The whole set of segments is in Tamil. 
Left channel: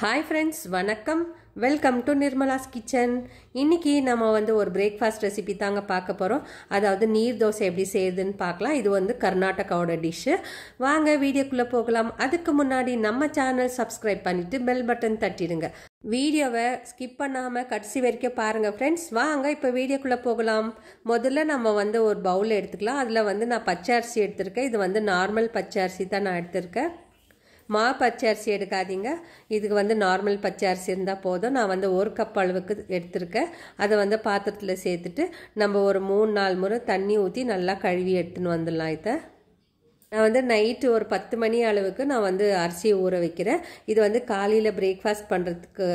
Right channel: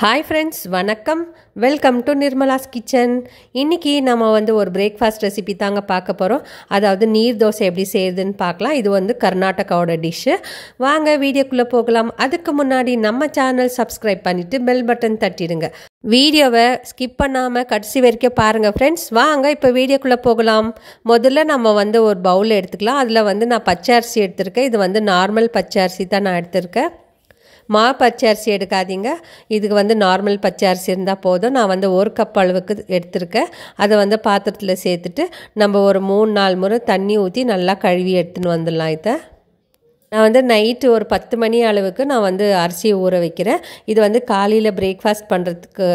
Hi friends, வணக்கம். Welcome to Nirmala's kitchen. இன்னைக்கு நம்ம ஒரு பிரேக்ஃபாஸ்ட் ரெசிபி தாங்க பார்க்க போகிறோம். அதாவது நீர் தோசை எப்படி செய்யுதுன்னு பார்க்கலாம். இது கர்நாடகாவோட டிஷ்ஷு. வாங்க வீடியோக்குள்ளே போகலாம். அதுக்கு முன்னாடி நம்ம சேனல் சப்ஸ்கிரைப் பண்ணிவிட்டு பெல் பட்டன் தட்டிடுங்க. வீடியோவை ஸ்கிப் பண்ணாமல் கடைசி வரைக்கும் பாருங்கள் ஃப்ரெண்ட்ஸ். வாங்க இப்போ வீடியோக்குள்ளே போகலாம். முதல்ல நம்ம ஒரு பவுல் எடுத்துக்கலாம். அதில் நான் பச்சை அரிசி எடுத்திருக்கேன். இது நார்மல் பச்சை அரிசி தான் நான் எடுத்திருக்கேன். பச்சை அரிசி எடுக்காதீங்க. இதுக்கு நார்மல் பச்சை அரிசி இருந்தால் போதும். நான் ஒரு கப் அளவுக்கு எடுத்திருக்கேன். அதை பாத்திரத்தில் சேர்த்துட்டு நம்ம ஒரு 3-4 முறை தண்ணி ஊற்றி நல்லா கழுவி எடுத்துன்னு வந்துடலாம். இதை நான் நைட்டு ஒரு 10 மணி அளவுக்கு நான் அரிசியை ஊற வைக்கிறேன். இது காலையில் பிரேக்ஃபாஸ்ட் பண்ணுறதுக்கு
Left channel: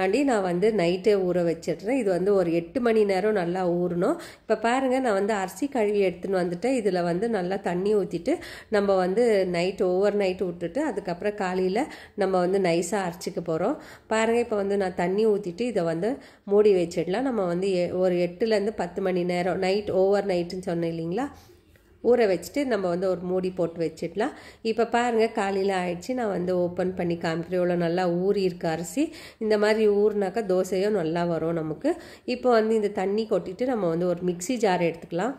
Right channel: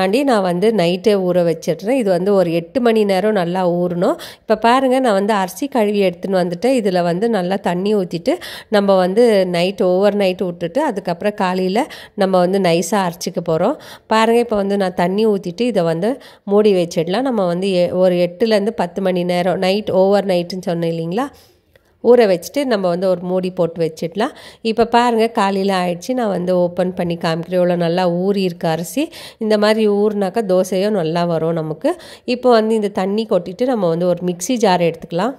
ஆண்டி நான் நைட்டே ஊற வச்சிடுறேன். இது ஒரு 8 மணி நேரம் நல்லா ஊறணும். இப்போ பாருங்கள், நான் அரிசி கழுவி எடுத்துன்னு வந்துட்டேன். இதில் நல்லா தண்ணி ஊற்றிட்டு நம்ம நைட் ஓவர் நைட் விட்டுட்டு அதுக்கப்புறம் காலையில் நம்ம நைஸாக அரைச்சிக்க போகிறோம். பாருங்கள், இப்போ நான் தண்ணி ஊற்றிட்டு இதை மூடி வச்சிடலாம். நம்ம ஒரு 8லேருந்து 10 மணி நேரம் நைட் ஓவர் நைட்டுன்னு சொன்னேன் இல்லைங்களா, ஊற வச்சுட்டு நம்ம ஒரு மூடி போட்டு வச்சிடலாம். இப்போ பாருங்கள், காலையில் ஆயிடுச்சு. நான் ஓப்பன் பண்ணி காமிக்கிறேன். இவ்வளோ நல்லா ஊறி இருக்க அரிசி. இந்த மாதிரி ஊறினாக்கா தோசையும் நல்லா வரும் நமக்கு. இப்போ இந்த தண்ணி கொட்டிட்டு நம்ம ஒரு மிக்ஸி ஜார் எடுத்துக்கலாம்.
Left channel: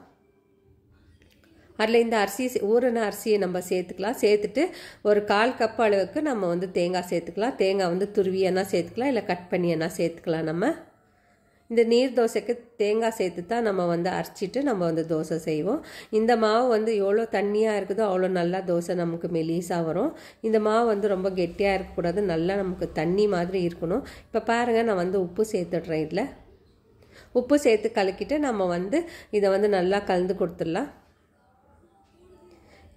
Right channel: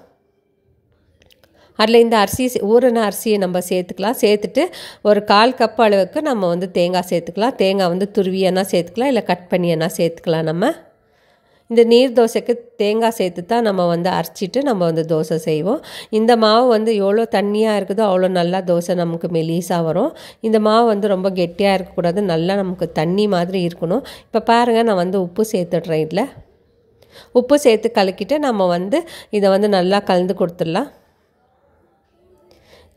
அதில் இந்த ஊறின அரிசியை நம்ம சேர்த்துக்கலாம். சேர்த்துட்டு ஒரு 1/4 கப் அளவுக்கு நம்ம தேங்காய் சேர்த்துக்கலாம். தேங்காய் துருவியனா சேர்த்துக்கலாம், இல்லை கட் பண்ணியனா சேர்த்துக்கலாம். நம்ம இந்த நீர் தோசைக்கு தேங்காய் சேர்த்து தான் நம்ம அரைச்சிட்டு நம்ம தோசை செய்வோம். இந்த மாவு எவ்வளோ தண்ணியாக இருக்குதோ அவ்வளோ நல்லா தோசை நமக்கு மெலிசாக வரும். இந்த மாவு ரொம்ப கெட்டியாக இருக்கக்கூடாது, நல்லா நமக்கு தண்ணி மாதிரி இருக்கணும். இப்போ பாருங்கள், நான் உப்பு சேர்த்துடுறேன். இதில் உப்பு சேர்த்து கலக்கிட்டு நம்ம இதை நல்லா கலந்து கொடுத்துடலாம்.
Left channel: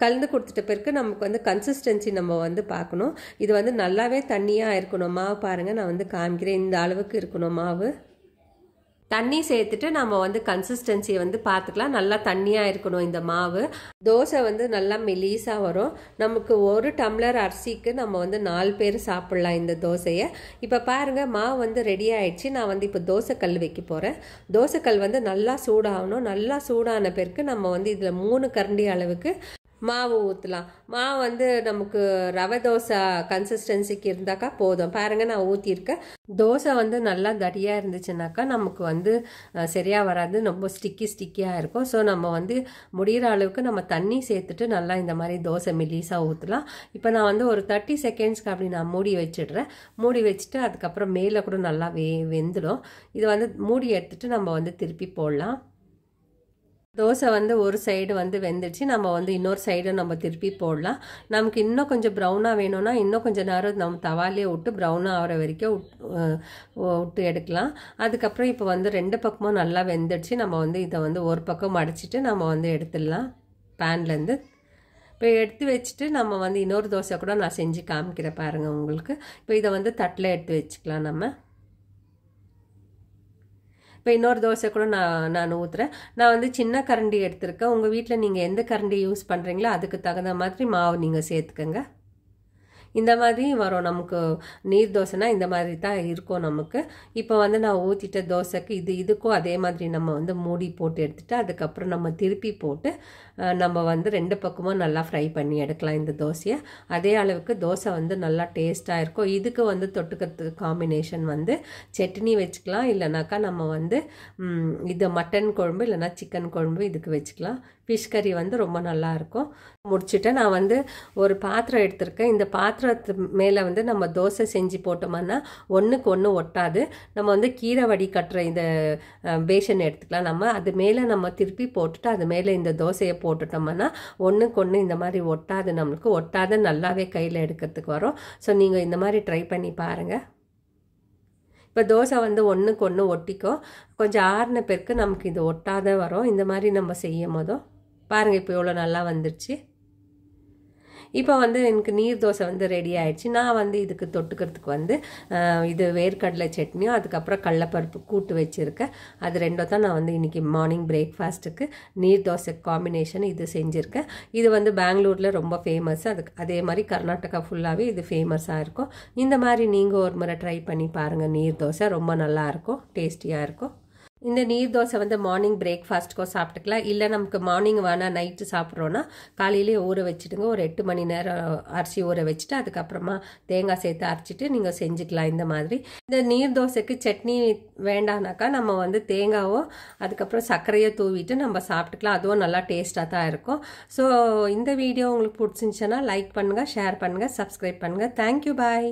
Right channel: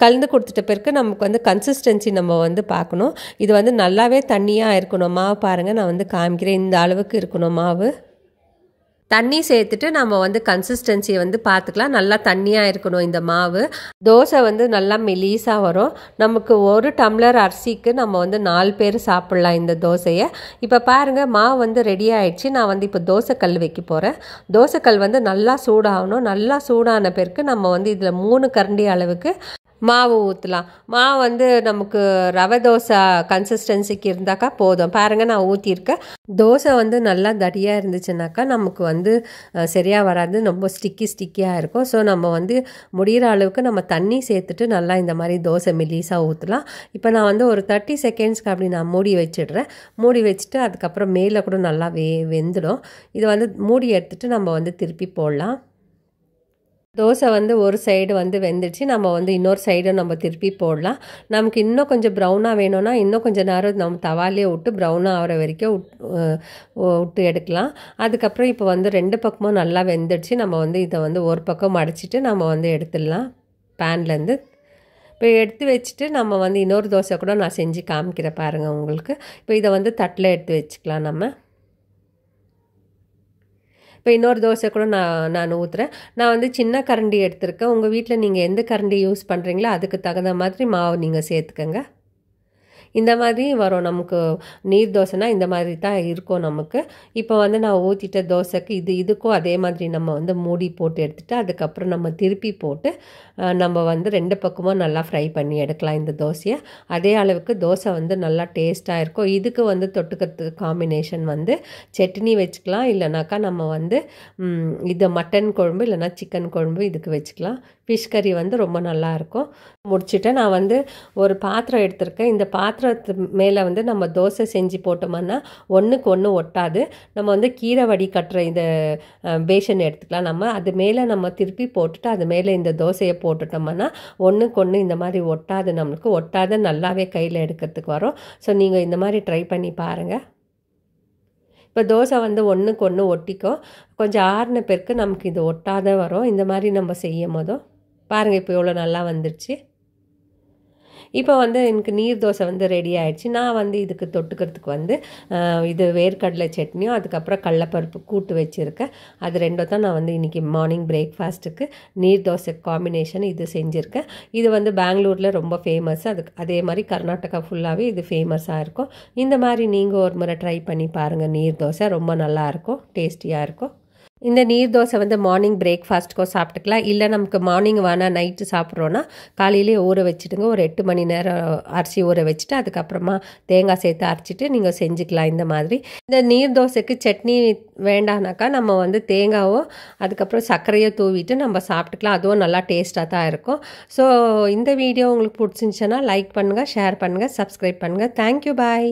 கலந்து கொடுத்துட்ட பிறகு நமக்கு கன்சிஸ்டன்சி நம்ம பார்க்கணும். இது நல்லாவே தண்ணியாக இருக்கணும். மாவு பாருங்கள், நான் காமிக்கிறேன். இந்த அளவுக்கு இருக்கணும் மாவு. தண்ணி சேர்த்துட்டு நம்ம கன்சிஸ்டன்சியை பார்த்துக்கலாம். நல்லா தண்ணியாக இருக்கணும் இந்த மாவு. தோசை நல்லா மெலிசாக வரும். நமக்கு ஒரு டம்ளர் அரிசிக்கு நம்ம 4 பேர் சாப்பிட்லாம் இந்த தோசையை. இப்போ பாருங்கள், மாவு ரெடி ஆகிடுச்சு. நான் இப்போ தோசைக்கல் வைக்க போகிறேன். தோசைக்கல் நல்லா சூடாகணும். நல்லா சூடான பிறகு நம்ம இதில் 3 கரண்டி அளவுக்கு மாவு ஊற்றலாம். மாவு நமக்கு ரவை தோசை கன்சிஸ்டன்சிக்கு இருந்தாக்கா போதும். பாருங்கள், நான் ஊற்றிருக்கேன். தோசை நல்லா தடியாக இருந்துச்சுனாக்கா நமக்கு சரியாக வராது, ரொம்ப ஸ்டிக்கியாக இருக்கும். ஸோ நம்ம முடிகிற அளவுக்கு நம்ம தண்ணி சேர்த்துட்டு நல்லா இந்த மாதிரி தோசை மெலிசாக ஊற்றலாம். இப்போ நான் ஒரு 30 செகண்ட்ஸ்க்கு அப்படி நான் மூடி வச்சிடுறேன். மூடி வச்சுட்டு அதுக்கப்புறம் மேலே கூட நல்லா வெந்துடும். இதை மூடி எடுத்துகிட்டு நம்ம திருப்பி போடலாம். தோசை ஒரு சைடு வெந்துடுச்சு. நம்ம இன்னொரு சைடு நம்ம திருப்பி போடலாம். நமக்கு இன்னும் கொஞ்சம் ப்ரௌனாக வேணும்னா இன்னும் கொஞ்சம் நேரம் நம்ம தவாலே விட்டு ப்ரௌனாக ஆகிற வரைக்கும் விட்டு எடுக்கலாம். அதுக்கப்புறம் இப்போ 2 பக்கமும் நல்லா வெந்துடுச்சு. நம்ம இதை ஒரு பக்கம் மடிச்சிட்டு நம்ம எடுத்துடலாம் பேன்லேருந்து. இப்போ எடுத்து வச்சுட்டு நம்ம இன்னொரு தோசை கூட நான் செஞ்சு காமிக்கிறேன் பாருங்கள் உங்களுக்கு. இப்போ இதை தட்டில் எடுத்து வச்சுக்கலாம் நம்ம. இப்போ இன்னொரு தோசை கூட நான் ஊற்றுறேன். நான் சின்ன கரண்டி எடுத்திருக்கேன். உங்கள் வீட்டில் நீங்கள் எந்த கரண்டி யூஸ் பண்ணுறீங்களோ அதுக்கு தகுந்த மாதிரி மாவு நீங்கள் சேர்த்துக்கங்க. இந்த மாதிரி வரும் நமக்கு நீர் தோசைனா இந்த மாதிரி தான் இருக்கும் நமக்கு. இப்போ நான் ஊற்றிட்ட தோசைக்கு இதுக்கும் அதே மாதிரி நம்ம மூடி போட்டு எடுத்துகிட்டு அதுக்கப்புறம் நம்ம திருப்பி போட்டு நம்ம 2 பக்கமும் நல்லா ஃப்ரை பண்ணி எடுக்கலாம் இந்த தோசையை. அதே அளவுக்கு தோசை நல்லா டேஸ்ட்டாக இருக்கும். இதுக்கு தொட்டுக்கிறதுக்கு காம்பினேஷன் சட்னி வச்சுக்கலாம், இல்லைனாக்கா நம்ம இது மட்டன் குழம்பு இல்லைனா சிக்கன் குழம்பு இதுக்கு வச்சுக்கலாம். ஃபிஷ் கறி ரொம்ப நல்லாயிருக்கும். முடிச்சுட்டு நான் ஒரு பாத்திரம் எடுத்திருக்கேன். இந்த பாத்திரத்து மேலே நம்ம தோசை செஞ்சு போட்டோம்னா ஒன்றுக்கு ஒன்று ஒட்டாது. நம்ம கீரை வடி கட்டுற இந்த பேஷன் எடுத்துக்கலாம். நம்ம அது மேலே நம்ம திருப்பி போட்டுட்டு அது மேலே இந்த தோசையை போட்டுட்டோம்னா ஒன்றுக்கு ஒன்று இந்த மாதிரி ஒட்டாது. நம்மளுக்கு ஒட்டாத நல்லாவே கையில் எடுக்கிறதுக்கு வரும். ஸோ நீங்கள் இந்த மாதிரி ட்ரை பண்ணி பாருங்கள். இப்போ தோசை ஒன்றுக்கு ஒன்று ஒட்டிக்கும். கொஞ்சம் ஆறின பிறகு நமக்கு இது ஒட்டாத வரும். இந்த மாதிரி நம்ம செய்யும் போதும் பாருங்கள், இப்போ எவ்வளோ நல்லா வந்துடுச்சு. இப்போ எனக்கு நீர் தோசை ரெடி ஆகிடுச்சு. நான் இதுக்கு தொட்டுக்கிறதுக்கு இது வேர்க்கடலை சட்னியும் அதுக்கப்புறம் கடலைப்பருப்பு கூட்டு வச்சுருக்கேன். அது ரெண்டும் தான் நான் இன்றைக்கி மார்னிங் பிரேக்ஃபாஸ்ட்டுக்கு நீர் தோசை காம்பினேஷன் இது செஞ்சுருக்கேன். இது பெங்களூரில் ரொம்ப ஃபேமஸ். அதே மாதிரி கர்நாடகா ஃபுல்லாகவே இது ஃபேமஸாக இருக்கும். இந்த மாதிரி நீங்கள் ஒரு முறை ட்ரை பண்ணி பாருங்கள். நீர் தோசை ரொம்ப நல்லாயிருக்கும், டேஸ்டியாக இருக்கும். இந்த நீர் தோசை வந்து மார்னிங் பிரேக்ஃபாஸ்ட்டுக்கோ சாப்பிட்டுக்கலாம். இல்லை நமக்கு மார்னிங் வேணால் நைட்டு சாப்பிட்றோன்னா காலையிலே ஊற வச்சுடுங்க. ஒரு 8 மணி நேரம் அரிசி ஊற வச்சுட்டு அதுக்கப்புறமா தேங்காய் சேர்த்து அரைச்சிட்டு நீங்கள் செஞ்சுக்கலாம் இந்த மாதிரி. இந்த நீர் தோசைக்கு சட்னி வேண்டானாக்கா நம்ம வந்து தேங்காவோ அதுக்கப்புறம் சர்க்கரையோ தூவிட்டு நம்ம சாப்பிட்டுக்கலாம். அதுவும் நல்லா டேஸ்ட்டாக தான் இருக்கும். ஸோ இந்த வீடியோ உங்களுக்கு பிடிச்சிருந்துச்சுன்னா லைக் பண்ணுங்கள், ஷேர் பண்ணுங்கள், சப்ஸ்கிரைப் பண்ணுங்கள். தேங்க்யூ, பாய்.